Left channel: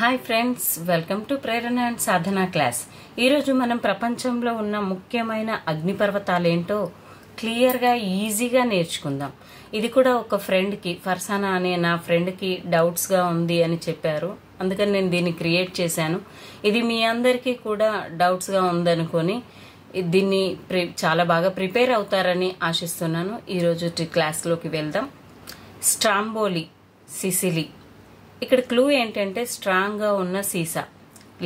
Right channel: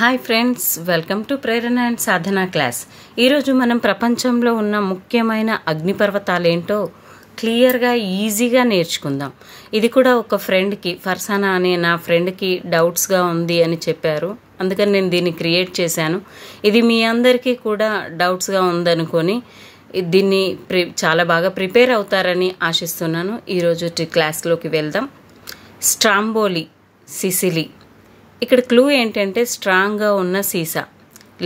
Hi friends, welcome to Prerana and Sadhana class. ఈరోజు మనం ప్రపంచంలో ఉన్న ముఖ్యమైన అగ్నిపర్వతాలు ఏంటో క్లియర్గా ఈజీగా నేర్చుకుందాం. ఇది కూడా ఒక ఫ్రెండ్కి, ఫర్సానా అనే నా ఫ్రెండ్కి డౌట్స్గా ఉంది అని చెప్పారు. అందుకని నేను దీన్ని క్రియేట్ చేశాను. ఇది మీ అందరికీ కూడా డౌట్స్గా ఉందనుకొని దీన్ని చాలా బాగా ప్రిపేర్ అవుతారని ఆశిస్తున్నాను. ఈరోజు క్లాస్లోకి వెళ్దాం. Stromboli, Sicily. ఇక్కడ క్లూ ఏంటంటే స్ట్రాంగ్గా ఉన్న సీసా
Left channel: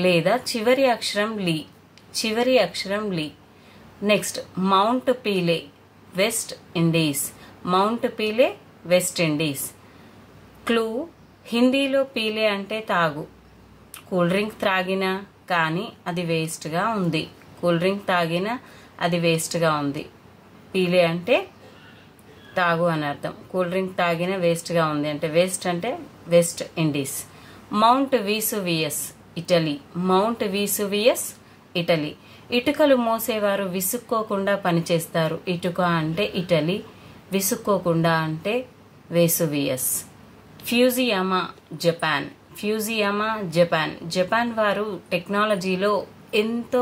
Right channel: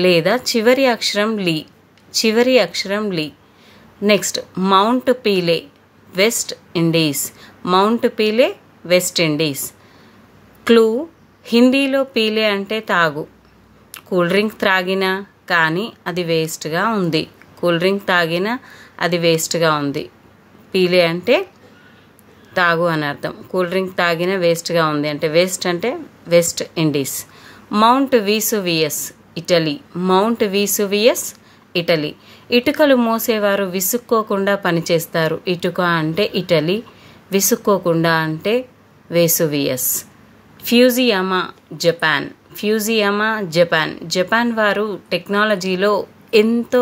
లేదా చివరి అక్షరం లీ. Next mount Pelee, west Indies. Mount Pelee, west Indies. Clue హిందీలో పీలే అంటే తాగు. కూల్ డ్రింక్ త్రాగినా కానీ అది వేస్ట్గా ఉంది. పీలే అంటే తాగు అని అర్థం. కూల్ డ్రింక్ తాగిన వేస్ట్గా ఉంది అంటే West Indies. Mount Vesuvius, Italy. ఇటుకలు మోసేవారు విసుక్కోకుండా పనిచేస్తారు. ఇటుక అంటే ఇటలీ, విసుక్కోకుండా అంటే వేసువియస్. ఫ్యూజియామా, జపాన్ వారు టెక్నాలజీలో ఎంతో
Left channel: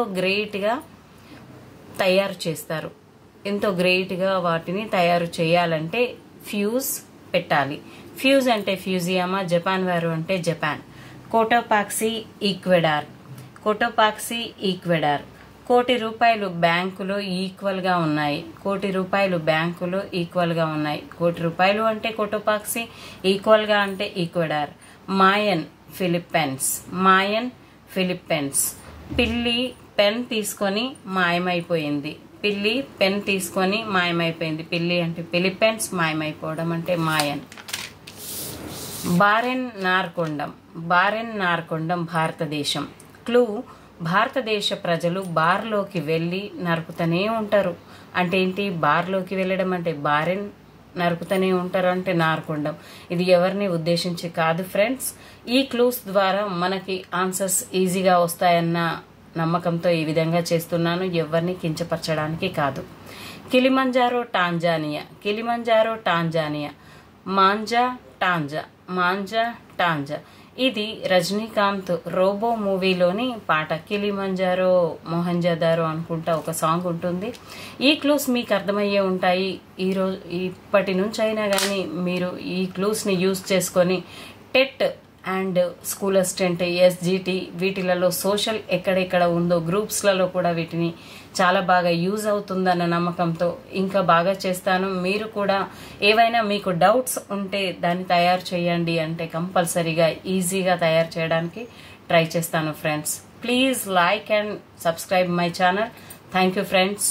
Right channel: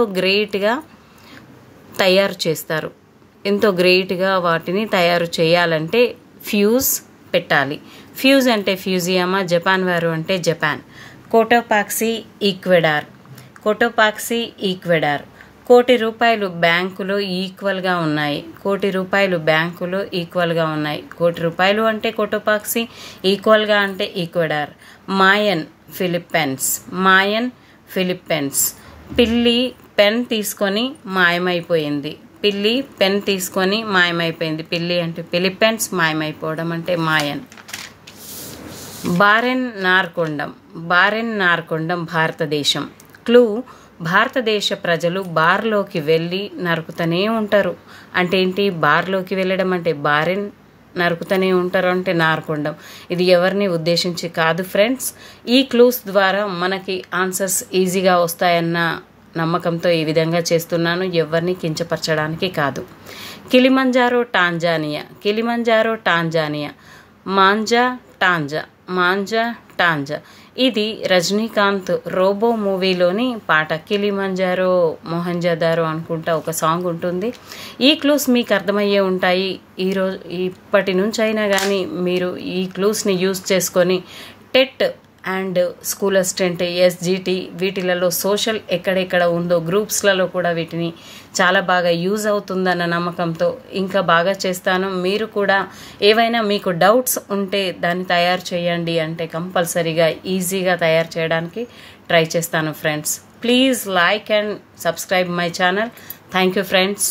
గ్రేట్గా వాటిని తయారు చేయాలంటే ఫ్యూజ్ పెట్టాలి. ఫ్యూజ్ అంటే ఫ్యూజియామా, జపాన్ వారు అంటే జపాన్. కోటోపాక్సీ, ఈక్వెడార్. కోటి రూపాయలు బ్యాంకులో ఈక్వల్గా ఉన్నాయి. కోటి రూపాయలు అంటే కోటోపాక్సీ, ఈక్వల్గా అంటే ఈక్వెడార్. మాయన్, ఫిలిప్పైన్స్. పిల్లి పెన్ తీసుకొని మాయమైపోయింది. పిల్లి అంటే ఫిలిప్పైన్స్, మాయమైపోవడం అంటే మాయన్. బారెన్ నార్కొండం, భారతదేశం. క్లూ భారతదేశ ప్రజలు బార్లోకి వెళ్ళి నరుకుతూనే ఉంటారు. అంటే ఏంటి? బార్లోకి వెళ్ళడం అంటే బారెన్, నరుకుతూనే ఉంటారు అంటే నార్కొండం. ఇది ఎవరిని ఉద్దేశించి కాదు ఫ్రెండ్స్. ఈ క్లూస్ ద్వారా మనకి ఆన్సర్స్ ఈజీగా వస్తాయన్న నమ్మకంతో ఈ విధంగా చేస్తున్నాను, ఎవరిని కించపరచడానికి కాదు. Kilimanjaro, Tanzania. మాంజా టాంజా. ఇది రజనీకాంత్ రోబో మూవీలోని పాట. కిలిమంజారో మొహంజదారో అనుకుంటా ఒక సాంగ్ ఉంటుంది. ఈ క్లూస్ మీకు అర్థమయ్యే ఉంటాయి. ఇప్పటి నుంచి అయినా కానీ మీరు ఈ క్లూస్ని యూజ్ చేసుకొని TET and school assistant, SGT వీటిలలో సోషల్ ఎక్కడెక్కడ ఉందో గ్రూప్స్లలో కూడా వీటిని చాలా బాగా యూజ్ అవుతుందన్న నమ్మకంతో ఇంకా బాగా చేస్తాను. మీరు కూడా ఏవైనా మీకు డౌట్స్ ఉంటే దాన్ని తయారు చేయండి అంటే కంపల్సరీగా ఈజీగా తయారు చేయడానికి ట్రై చేస్తాను friends. Please like and subscribe my channel. Thank you friends.